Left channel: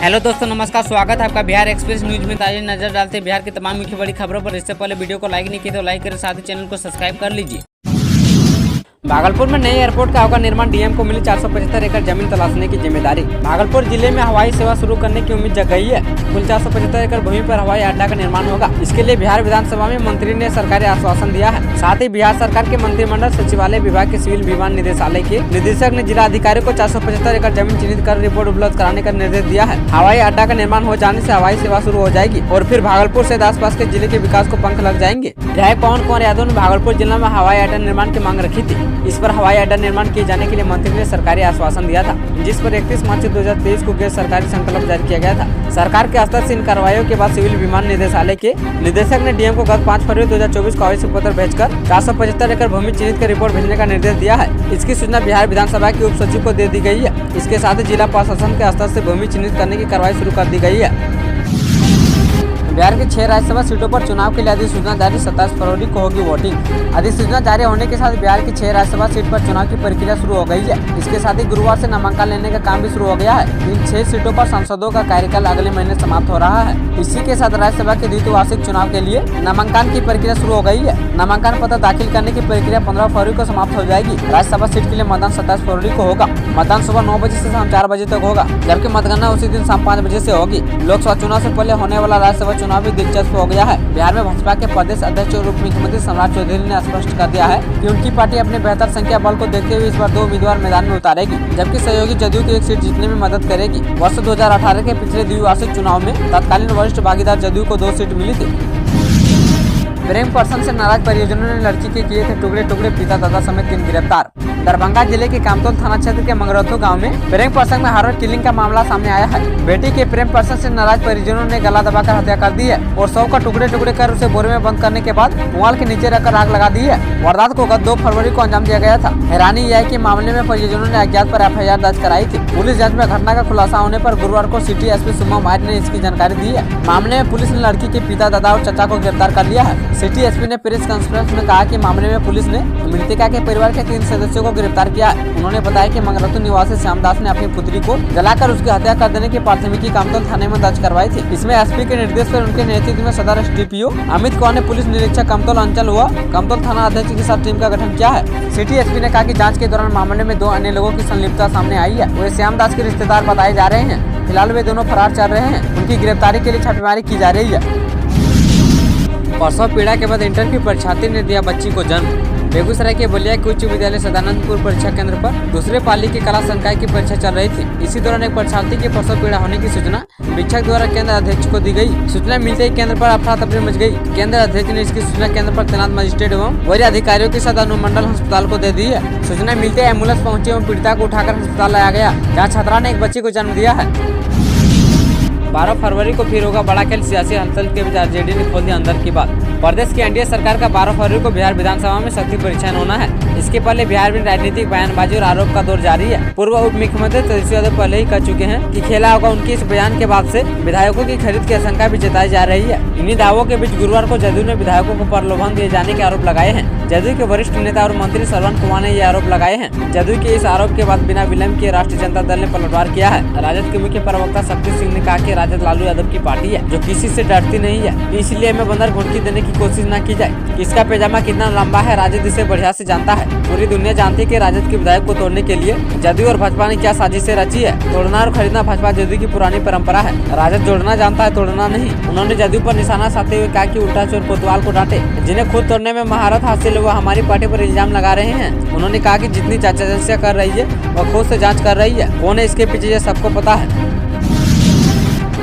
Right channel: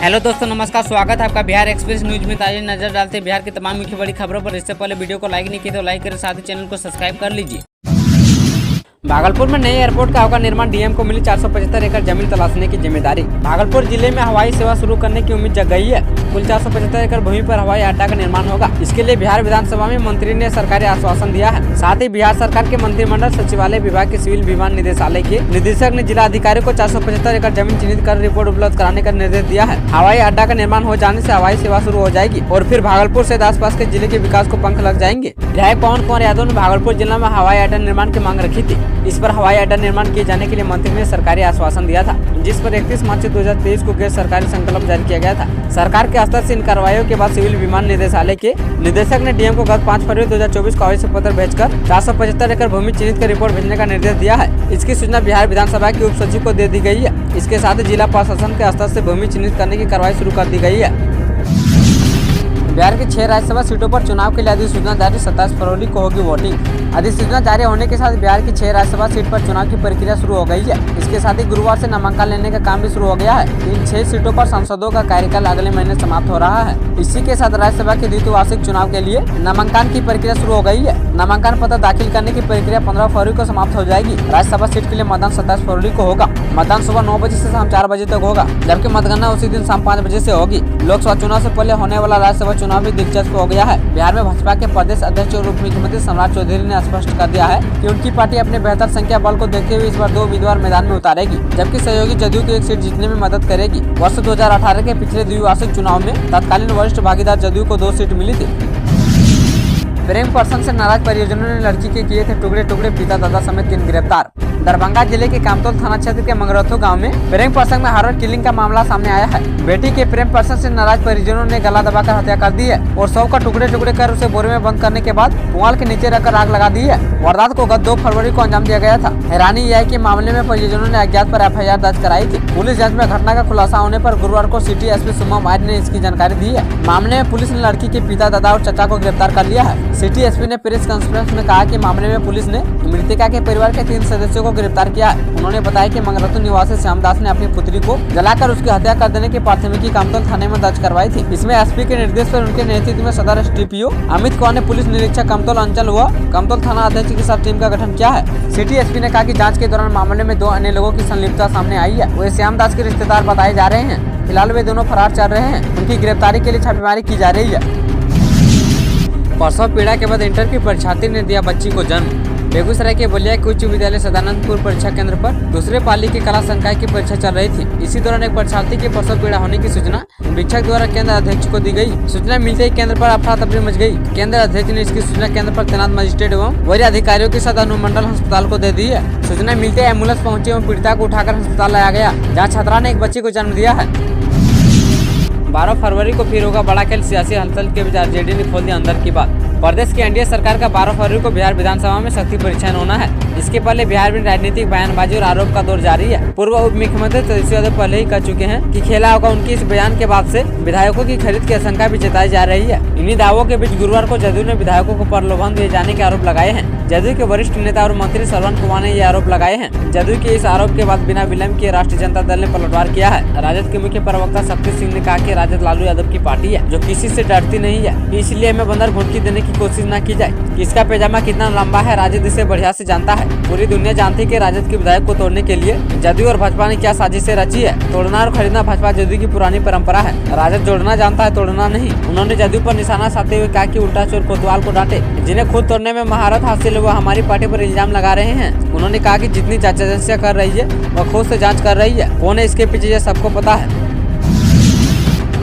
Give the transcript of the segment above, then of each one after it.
Hello दोस्तों, नमस्कार। स्वागत है आपका बिहार एक्सप्रेस न्यूज में। ताज़ा नजर डालते हैं बिहार की तमाम मुख्य बड़ी खबरों पर। इससे पहले वीडियो को लाइक नहीं किया तो लाइक करें, साथ ही चैनल को सब्सक्राइब कर लीजिए। भागलपुर में नए एयरपोर्ट का होगा निर्माण। डीएम को मिली 475 एकड़ जमीन तलाशने की जिम्मेदारी। भागलपुर जिले में हवाई सेवा शुरू करने की उम्मीद जग गई है। कुल 475 एकड़ भूमि पर हवाई अड्डा का निर्माण होगा। इसके लिए बिहार विधानसभा में मंत्री ने सरकारी आश्वासन दिया है। साथ ही बिहार सरकार के मंत्रिमंडल सचिवालय विभाग के सिविल विमान निदेशालय के निदेशक ने जिला अधिकारी को 475 एकड़ जमीन चिन्हित कर रिपोर्ट उपलब्ध कराने का निर्देश दिया है। हवाई अड्डा का निर्माण हो जाने से हवाई सेवा शुरू हो जाएगी और फिर भागलपुर से आसपास के जिले के विकास को पंख लग जाएंगे। विधायक पवन कुमार यादव ने भागलपुर जिला में हवाई अड्डा निर्माण की मांग रखी थी। इस पर हवाई अड्डा निर्माण किए जाने के लिए मंत्री ने सरकारी आश्वासन दिया था, जिस पर 31 मार्च 2023 को गैर सरकारी संकल्प जारी किया गया था। सरकार के स्तर से इन कार्रवाइयों के बाद सिविल विमान निदेशालय के निदेशक ने डीएम को गत 5 फरवरी 2024 को आवेदन पत्र भेजकर 475 एकड़ भूमि चिन्हित कर रिपोर्ट भेजने का निर्देश दिया है। इसकी सूचना बिहार विधानसभा के उप सचिव को दे दी गई है। इसके साथ ही जिला प्रशासन के स्तर से भूमि चिन्हित करने की कार्रवाई शुरू कर दी गई है। बिहार की 6 राज्यसभा सीटों पर चुनाव के लिए अधिसूचना जारी। 27 फरवरी को होगी वोटिंग। अधिसूचना जारी होने के साथ बिहार की 6 राज्यसभा सीट पर चुनाव की प्रक्रिया शुरू हो गई है। इसके साथ ही गुरुवार से नामांकन लेने का काम भी शुरू हो गया है। इन 6 सीटों पर सांसदों का कार्यकाल अगले महीने समाप्त हो रहा है। इसी के साथ राज्यसभा के द्विवार्षिक चुनाव के लिए नामांकन की प्रक्रिया शुरू हो गई है। नामांकन पत्र दाखिल करने की प्रक्रिया 15 फरवरी को समाप्त हो जाएगी। राज्यसभा सीट के लिए मतदान 27 फरवरी को होगा। मतदान सुबह 9 बजे से शाम 4 बजे तक होगा, जबकि मतगणना उसी दिन शाम 5 बजे से होगी। लोकसभा चुनाव से पहले होने वाला राज्यसभा चुनाव भी दिलचस्प हो गया है। बिहार में भाजपा के प्रदेश अध्यक्ष और उप मुख्यमंत्री सम्राट चौधरी ने स्पष्ट कर दिया है कि उनकी पार्टी अपने बेहतर संख्या बल को देखते हुए इस बार 2 उम्मीदवार मैदान में उतारेगी, जबकि सहयोगी जदयू की 1 सीट जीतने में मदद करेगी। वर्ष 2018 के पिछले द्विवार्षिक चुनाव में तत्कालीन वरिष्ठ भागीदार जदयू को 2 सीट मिली थी। प्रेम प्रसंग से नाराज परिजनों ने लड़की के किए थे टुकड़े टुकड़े, पिता दादा समेत 3 गिरफ्तार। दरभंगा जिले के कामतौल थाना क्षेत्र के मंगरथू गांव में प्रेम प्रसंग में हॉरर किलिंग का मामला सामने आया है। बेटी के प्रेम प्रसंग से नाराज परिजनों ने गला दबाकर हत्या कर दी है और शव का टुकड़े टुकड़े कर उसे बोरे में बंद करने के बाद पुआल के नीचे रखकर आग लगा दी है। वारदात को गत 2 फरवरी को अंजाम दिया गया था। हैरानी यह है कि मामले में परिजनों ने अज्ञात पर एफआईआर दर्ज कराई थी। पुलिस जांच में घटना का खुलासा होने पर गुरुवार को सिटी एसपी सुमा मायर ने इसकी जानकारी दी है। मामले में पुलिस ने लड़की के पिता, दादा और चचा को गिरफ्तार कर लिया है। सिटी एसपी ने प्रेस कॉन्फ्रेंस में कहा कि मामले में पुलिस ने मृतका के परिवार के 3 सदस्यों को गिरफ्तार किया है। उन्होंने बताया कि मंगरथू निवासी श्यामदास ने अपनी पुत्री को जलाकर उसकी हत्या कर देने की प्राथमिकी कामतौल थाने में दर्ज करवाई थी। इसमें एसपी के निर्देश पर उनके नेतृत्व में सदर एसडीपीओ अमित कुमार ने पुलिस निरीक्षक कामतौल अंचल व कामतौल थाना अध्यक्ष के साथ टीम का गठन किया है। सिटी एसपी ने कहा कि जांच के दौरान मामले में 2 अन्य लोगों की संलिप्तता सामने आई है। वे श्यामदास के रिश्तेदार बताए जा रहे हैं। फिलहाल वे दोनों फरार चल रहे हैं। उनकी गिरफ्तारी के लिए छापेमारी की जा रही है। प्रसव पीड़ा के बाद इंटर की परीक्षार्थी ने दिया बच्ची को जन्म। बेगूसराय के बलिया के उच्च विद्यालय सदानंदपुर परीक्षा केंद्र पर दूसरे पाली की कला संकाय की परीक्षा चल रही थी। इसी दौरान एक परीक्षार्थी के प्रसव पीड़ा होने की सूचना शिक्षक द्वारा केंद्र अध्यक्ष को दी गई। सूचना मिलते ही केंद्र पर अफरा तफरी मच गई। केंद्र अध्यक्ष ने इसकी सूचना केंद्र पर तैनात मजिस्ट्रेट एवं वरीय अधिकारियों के साथ अनुमंडल अस्पताल को दे दी है। सूचना मिलते एम्बुलेंस पहुंची एवं पीड़िता को उठाकर अस्पताल लाया गया, जहाँ छात्रा ने एक बच्ची को जन्म दिया है। 12 फरवरी को फिर होगा बड़ा खेल। सियासी हलचल के बीच आरजेडी ने खोल दिया अंदर की बात। प्रदेश की एनडीए सरकार का 12 फरवरी को बिहार विधानसभा में शक्ति परीक्षण होना है। इसके पहले बिहार में राजनीतिक बयानबाजी और आरोप का दौर जारी है। पूर्व उप मुख्यमंत्री तेजस्वी यादव पहले ही कह चुके हैं कि खेला होगा। उनकी इस बयान के बाद से विधायकों की खरीद की आशंका भी जताई जा रही है। इन्हीं दावों के बीच गुरुवार को जदयू ने विधायकों को प्रलोभन दिए जाने के आरोप लगाए हैं। जदयू के वरिष्ठ नेता और मंत्री श्रवण कुमार ने ये आरोप लगाए हैं। जदयू के इस आरोप के बाद बिना विलंब किए राष्ट्रीय जनता दल ने पलटवार किया है। राजद के मुख्य प्रवक्ता शक्ति सिंह ने कहा कि राजद लालू यादव की पार्टी है जो किसी से डरती नहीं है, इसलिए हमें बंदर घुड़की देने की कोशिश न की जाए। किसका पैजामा कितना लंबा है राजद इसे बढ़िया से जानता है। पूरी दुनिया जानती है कि राजद के विधायक को तोड़ने के लिए जदयू और भाजपा ने क्या साजिशें रची है। तोड़ना और खरीदना भाजपा जदयू की पुरानी परंपरा है। राजद जोड़ना जानता है, तोड़ना नहीं। उन्होंने जदयू पर निशाना साधते हुए कहा कि उल्टा चोर कोतवाल को डांटे। जिन्हें खुद तोड़ने में महारत हासिल है वो हमारी पार्टी पर इल्जाम लगा रहे हैं। उन्होंने कहा कि जितनी जांच एजेंसियां कर रही है वह खुद से जांच कर रही है। कौन है इसके पीछे ये सबको पता है।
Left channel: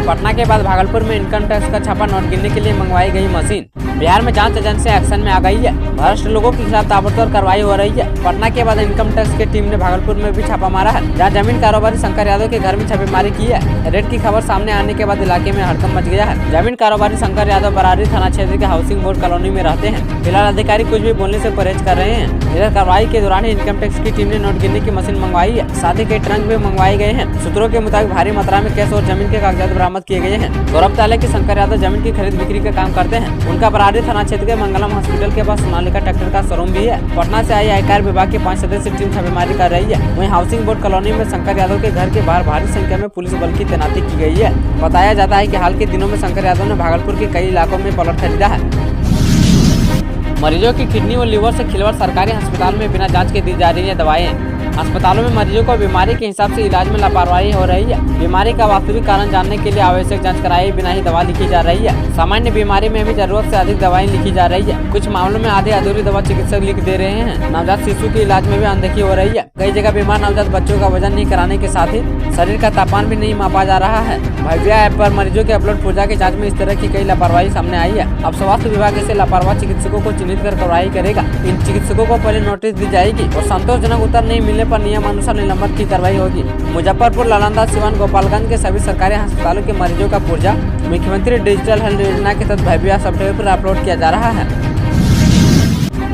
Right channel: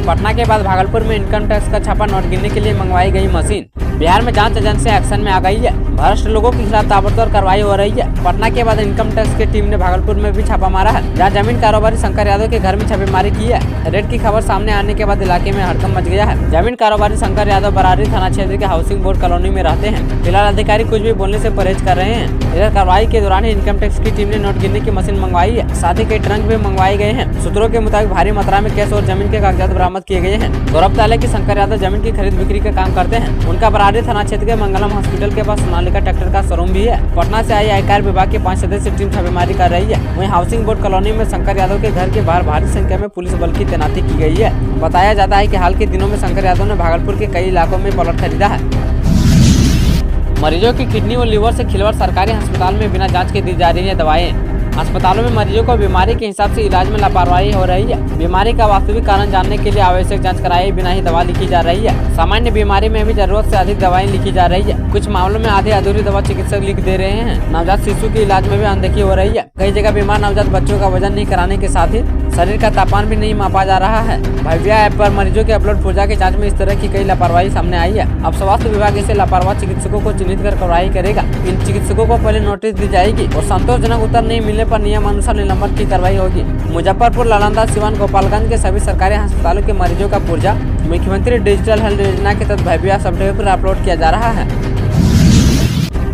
पटना के बाद भागलपुर में इनकम टैक्स का छापा नोट गिनने के लिए मंगवाई गई मशीन। बिहार में जांच एजेंसी एक्शन में आ गई है। भ्रष्ट लोगों के खिलाफ ताबड़तोड़ कार्रवाई हो रही है। पटना के बाद इनकम टैक्स की टीम ने भागलपुर में भी छापा मारा है, जहां जमीन कारोबारी शंकर यादव के घर में छापेमारी की है। रेड की खबर सामने आने के बाद इलाके में हड़कंप मच गया है। जमीन कारोबारी शंकर यादव बरारी थाना क्षेत्र के हाउसिंग बोर्ड कॉलोनी में रहते हैं। फिलहाल अधिकारी कुछ भी बोलने से परहेज कर रहे हैं। इधर कार्रवाई के दौरान ही इनकम टैक्स की टीम ने नोट गिनने की मशीन मंगवाई है। साथ ही कई ट्रंक भी मंगवाए गए हैं। सूत्रों के मुताबिक भारी मात्रा में कैश और जमीन के कागजात बरामद किए गए हैं। गौरतलब है कि शंकर यादव जमीन की खरीद बिक्री का काम करते हैं। उनका बरारी थाना क्षेत्र के मंगलम हॉस्पिटल के पास सोनाली सोनालिका ट्रैक्टर का शोरूम भी है। पटना से आई आयकर विभाग की 5 सदस्यीय टीम छापेमारी कर रही है। वहीं हाउसिंग बोर्ड कॉलोनी में शंकर यादव के घर के बाहर भारी संख्या में पुलिस बल की तैनाती की गई है। बताया जाता है कि हाल के दिनों में शंकर यादव ने भागलपुर के कई इलाकों में प्लॉट खरीदा है। मरीजों की किडनी और लीवर से खिलवाड़, सरकारी अस्पताल में बिना जांच के दी जा रही है दवाएं। अस्पतालों में मरीजों को बीमारी के हिसाब से इलाज में लापरवाही हो रही है। बीमारी का वास्तविक कारण जानने के लिए आवश्यक जांच कराए बिना ही दवा लिखी जा रही है। सामान्य बीमारी में भी जरूरत से अधिक दवाएं लिखी जा रही है। कुछ मामलों में आधी अधूरी दवा चिकित्सक लिख दे रहे हैं। नवजात शिशु के इलाज में भी अनदेखी हो रही है। कई जगह बीमार नवजात बच्चों का वजन नहीं कराने के साथ ही शरीर का तापमान भी नहीं मापा जा रहा है। भव्या ऐप पर मरीजों के अपलोड पूर्जा की जाँच में इस तरह की कई लापरवाही सामने आई है। अब स्वास्थ्य विभाग ऐसे लापरवाह चिकित्सकों को चिन्हित कर कार्रवाई करेगा। इन चिकित्सकों को पहले नोटिस दी जाएगी और संतोषजनक उत्तर नहीं मिलने पर नियमानुसार निलंबन की कार्रवाई होगी। मुजफ्फरपुर, नालंदा, सिवान, गोपालगंज के सभी सरकारी अस्पतालों के मरीजों का पुर्जा मुख्यमंत्री डिजिटल हेल्थ योजना के तहत भव्या सॉफ्टवेयर पर अपलोड किया जा रहा है।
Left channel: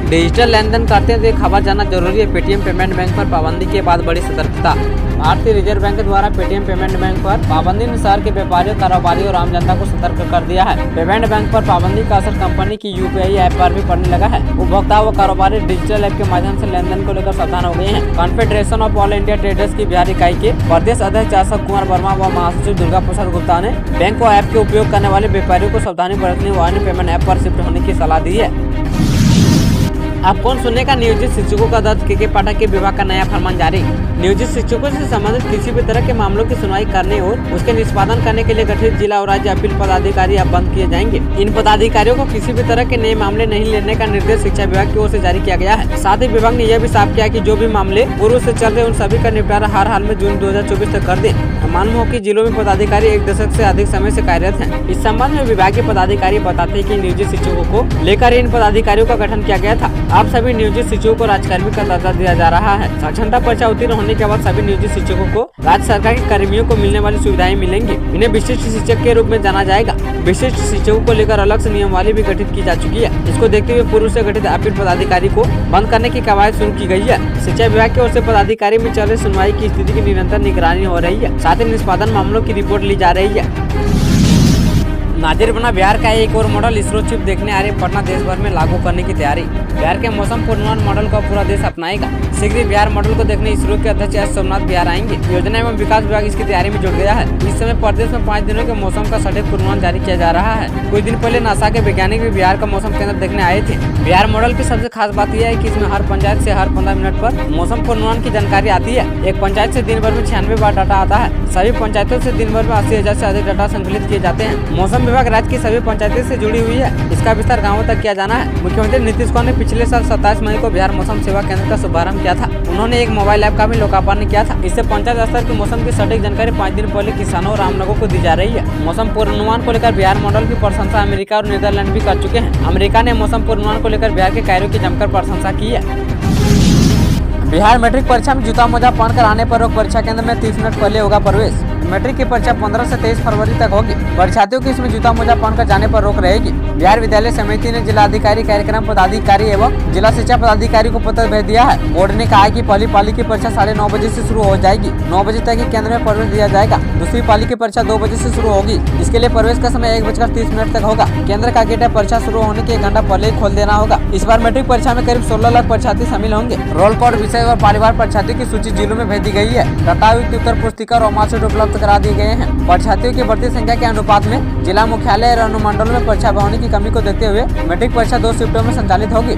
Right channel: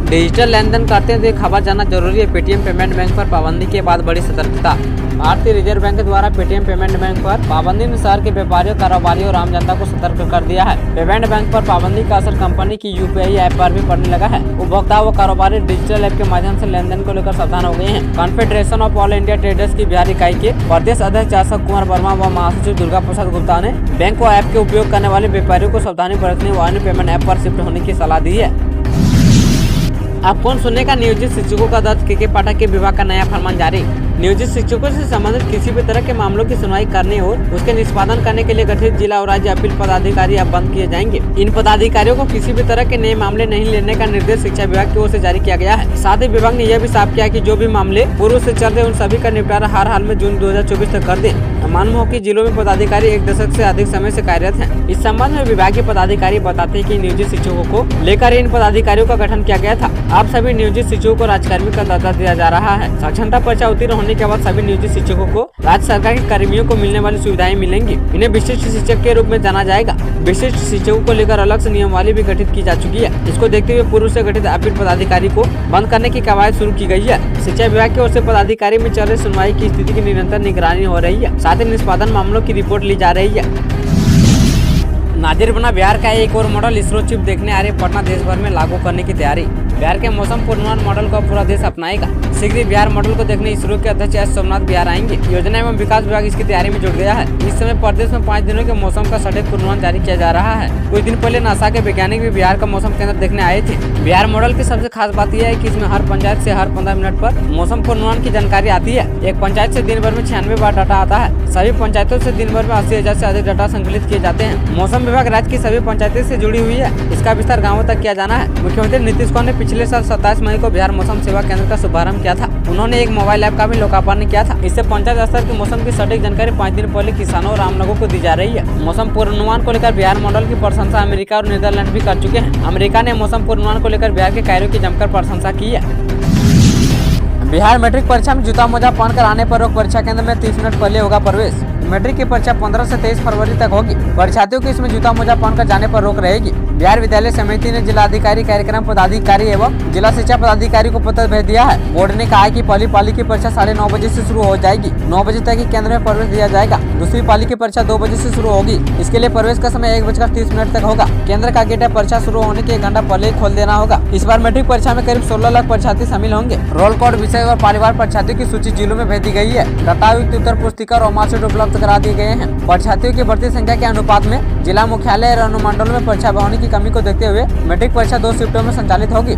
डिजिटल लेन देन करते हुए खबर जानना जरूरी है। पेटीएम पेमेंट बैंक पर पाबंदी के बाद बड़ी सतर्कता। भारतीय रिजर्व बैंक द्वारा पेटीएम पेमेंट बैंक पर पाबंदी ने शहर के व्यापारियों, कारोबारियों और आम जनता को सतर्क कर दिया है। पेमेंट बैंक पर पाबंदी का असर कंपनी की यूपीआई ऐप पर भी पड़ने लगा है। उपभोक्ता व कारोबारी डिजिटल ऐप के माध्यम से लेन देन को लेकर सावधान हो गए हैं। Confederation of all India traders की बिहार इकाई के प्रदेश अध्यक्ष अशोक कुमार वर्मा व महासचिव दुर्गा प्रसाद गुप्ता ने बैंक व ऐप के उपयोग करने वाले व्यापारियों को सावधानी बरतने व अन्य पेमेंट ऐप पर शिफ्ट होने की सलाह दी है। अब कौन सुनेगा? नियोजित शिक्षकों का दर्ज के पाठक के विभाग का नया फरमान जारी। नियोजित शिक्षकों से संबंधित किसी भी तरह के मामलों की सुनवाई करने और उसके निष्पादन करने के लिए गठित जिला और राज्य अपील पदाधिकारी अब बंद किए जाएंगे। इन पदाधिकारियों को किसी भी तरह के नए मामले नहीं लेने का निर्देश शिक्षा विभाग की ओर से जारी किया गया है। साथ ही विभाग ने यह भी साफ किया कि जो भी मामले पूर्व से चल रहे उन सभी का निपटारा हर हाल में जून 2024 तक कर दें। मालूम हो कि जिलों में पदाधिकारी 1 दशक से अधिक समय से कार्यरत हैं। इस संबंध में विभाग के पदाधिकारी बताते हैं कि नियोजित शिक्षकों को लेकर इन पदाधिकारियों का गठन किया गया था। अब सभी नियोजित शिक्षकों को राजकर्मी का दर्जा दिया जा रहा है। साक्षरता परीक्षा उत्तीर्ण होने के बाद सभी नियोजित शिक्षकों को राज्य सरकार के कर्मियों को मिलने वाली सुविधाएं मिलेंगी। इन्हें विशिष्ट शिक्षक के रूप में जाना जाएगा। विशिष्ट शिक्षकों को लेकर अलग से नियमावली भी गठित की जा चुकी है। इसको देखते हुए पूर्व से गठित अपील पदाधिकारी को बंद करने की कवायद शुरू की गई है। शिक्षा विभाग की ओर से पदाधिकारी में चल रही सुनवाई की स्थिति की निरंतर निगरानी हो रही है। साथ ही निष्पादन मामलों की रिपोर्ट ली जा रही है। नाजिर बना बिहार का एक और मॉडल। इसरो चिप देखने आ रहे पटना देश भर में लागू करने की तैयारी। बिहार के मौसम पूर्वानुमान मॉडल को पूरा देश अपनाएगा। शीघ्र ही बिहार मॉडल को देखने इसरो के अध्यक्ष एस सोमनाथ बिहार आएंगे। योजना एवं विकास विभाग इसकी तैयारी में जुट गया है। इस समय प्रदेश में 5 दिनों के मौसम का सटीक पूर्वानुमान जारी किया जा रहा है। कुछ दिन पहले नासा के वैज्ञानिक भी बिहार का मौसम केंद्र देखने आए थे। बिहार मॉडल की सबसे खास बात यह है कि इसमें हर पंचायत से हर 15 मिनट पर मौसम पूर्वानुमान की जानकारी आती है। एक पंचायत से दिन भर में 96 बार डाटा आता है। सभी पंचायतों से दिन भर में 80,000 से अधिक डाटा संकलित किए जाते हैं। मौसम विभाग राज्य की सभी पंचायतें से जुड़ी हुई है। इसका विस्तार गाँवों तक किया जाना है। मुख्यमंत्री नीतीश कुमार ने पिछले साल 27 मई को बिहार मौसम सेवा केंद्र का शुभारंभ किया था। उन्होंने एक मोबाइल ऐप का भी लोकार्पण किया था। इससे पंचायत स्तर के मौसम की सटीक जानकारी 5 दिन पहले किसानों और आम लोगों को दी जा रही है। मौसम पूर्वानुमान को लेकर बिहार मॉडल की प्रशंसा अमेरिका और नीदरलैंड भी कर चुके हैं। अमेरिका ने मौसम पूर्वानुमान को लेकर बिहार के कार्यों की जमकर प्रशंसा की है। बिहार मैट्रिक परीक्षा में जूता मोजा पहनकर आने पर रोक। परीक्षा केंद्र में 30 मिनट पहले होगा प्रवेश। मैट्रिक की परीक्षा 15 से 23 फरवरी तक होगी। परीक्षार्थियों की इसमें जूता मोजा पहनकर जाने पर रोक रहेगी। बिहार विद्यालय समिति ने जिला अधिकारी, कार्यक्रम पदाधिकारी एवं जिला शिक्षा पदाधिकारी को पत्र भेज दिया है। बोर्ड ने कहा है कि पहली पाली की परीक्षा 9:30 बजे से शुरू हो जाएगी। 9 बजे तक ही केंद्र में प्रवेश दिया जाएगा। दूसरी पाली की परीक्षा 2 बजे से शुरू होगी। इसके लिए प्रवेश का समय 1:30 तक होगा। केंद्र का गेट परीक्षा शुरू होने के 1 घंटा पहले ही खोल देना होगा। इस बार मैट्रिक परीक्षा में करीब 16 लाख परीक्षार्थी शामिल होंगे। रोल कोड, विषय और परिवार परीक्षार्थियों की सूची जिलों में भेज दी गई है। डाटायुक्त उत्तर पुस्तिका और मार्कशीट उपलब्ध करा दिए गए हैं। परीक्षार्थियों की बढ़ती संख्या के अनुपात में जिला मुख्यालय और अनुमंडलों में परीक्षा भवनों की कमी को देखते हुए मैट्रिक परीक्षा 2 शिफ्टों में संचालित होगी।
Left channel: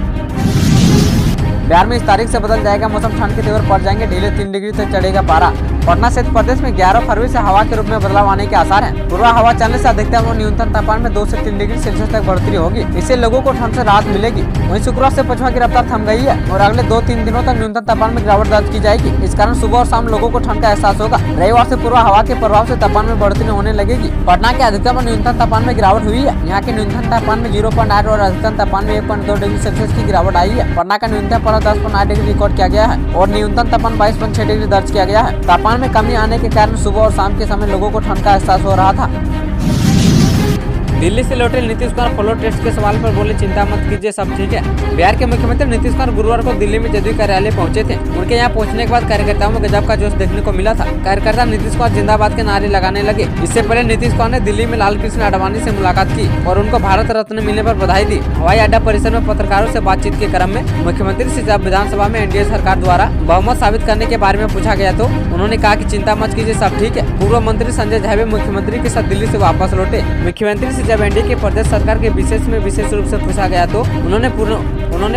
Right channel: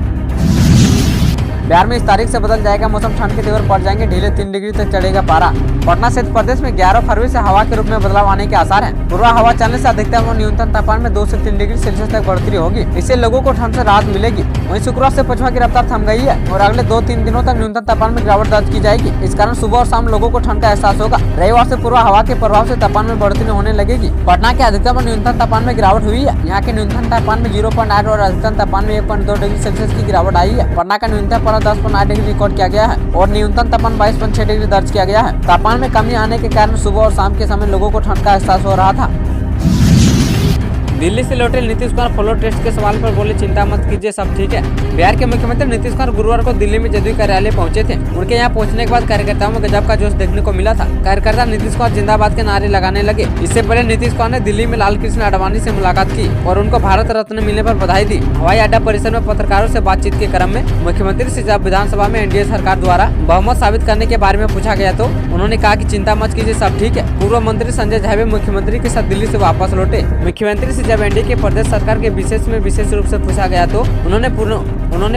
बिहार में इस तारीख से बदल जाएगा मौसम। ठंड के तेवर पड़ जाएंगे ढीले। 3 डिग्री तक चढ़ेगा पारा। पटना सहित प्रदेश में 11 फरवरी से हवा के रूप में बदलाव आने के आसार हैं। पूर्वा हवा चलने से अधिकतम और न्यूनतम तापमान में 2 से 3 डिग्री सेल्सियस तक बढ़ोतरी होगी। इससे लोगों को ठंड से राहत मिलेगी। वहीं शुक्रवार से पछुआ की रफ्तार थम गई है और अगले 2-3 दिनों तक न्यूनतम तापमान में गिरावट दर्ज की जाएगी। इस कारण सुबह और शाम लोगों को ठंड का एहसास होगा। रविवार से पूर्वा हवा के प्रभाव से तापमान में बढ़ोतरी होने लगेगी। पटना के अधिकतम और न्यूनतम तापमान में गिरावट हुई है। यहाँ के न्यूनतम तापमान में 0.8 और अधिकतम तापमान में 1.2 डिग्री सेल्सियस की गिरावट आई है। पटना का न्यूनतम पारा 10.8 डिग्री रिकॉर्ड किया गया है और न्यूनतम तापमान 22.6 डिग्री दर्ज किया गया है। तापमान में कमी आने के कारण सुबह और शाम के समय लोगों को ठंड का एहसास हो रहा था। दिल्ली से लौटे नीतीश कुमार फ्लोर टेस्ट के सवाल पर बोले चिंता मत कीजिए, सब ठीक है। बिहार के मुख्यमंत्री नीतीश कुमार गुरुवार को दिल्ली में जदयू कार्यालय पहुंचे थे। उनके यहाँ पहुंचने के बाद कार्यकर्ताओं में गजब का जोश देखने को मिला था। कार्यकर्ता नीतीश कुमार जिंदाबाद के नारे लगाने लगे। इससे पहले नीतीश कुमार ने दिल्ली में लाल कृष्ण आडवाणी से मुलाकात की और उनको भारत रत्न मिलने पर बधाई दी। हवाई अड्डा परिसर में पत्रकारों से बातचीत के क्रम में मुख्यमंत्री से जब विधानसभा में एनडीए सरकार द्वारा बहुमत साबित करने के बारे में पूछा गया तो उन्होंने कहा कि चिंता मत कीजिए, सब ठीक है। पूर्व मंत्री संजय झावे मुख्यमंत्री के साथ दिल्ली से वापस लौटे। मुख्यमंत्री से जब एनडीए के प्रदेश सरकार के विशेष रूप से पूछा गया तो उन्होंने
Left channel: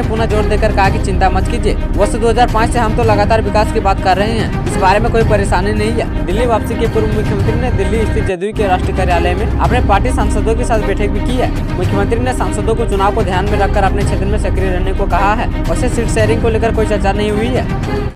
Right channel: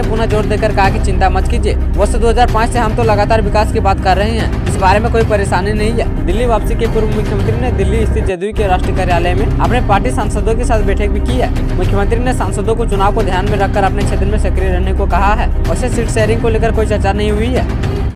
पुनः जोर देकर कहा कि चिंता मत कीजिए, वर्ष 2005 से हम तो लगातार विकास की बात कर रहे हैं, इस बारे में कोई परेशानी नहीं है। दिल्ली वापसी के पूर्व मुख्यमंत्री ने दिल्ली स्थित जदयू के राष्ट्रीय कार्यालय में अपने पार्टी सांसदों के साथ बैठक भी की है। मुख्यमंत्री ने सांसदों को चुनाव को ध्यान में रखकर अपने क्षेत्र में सक्रिय रहने को कहा है। वैसे सीट शेयरिंग को लेकर कोई चर्चा नहीं हुई है।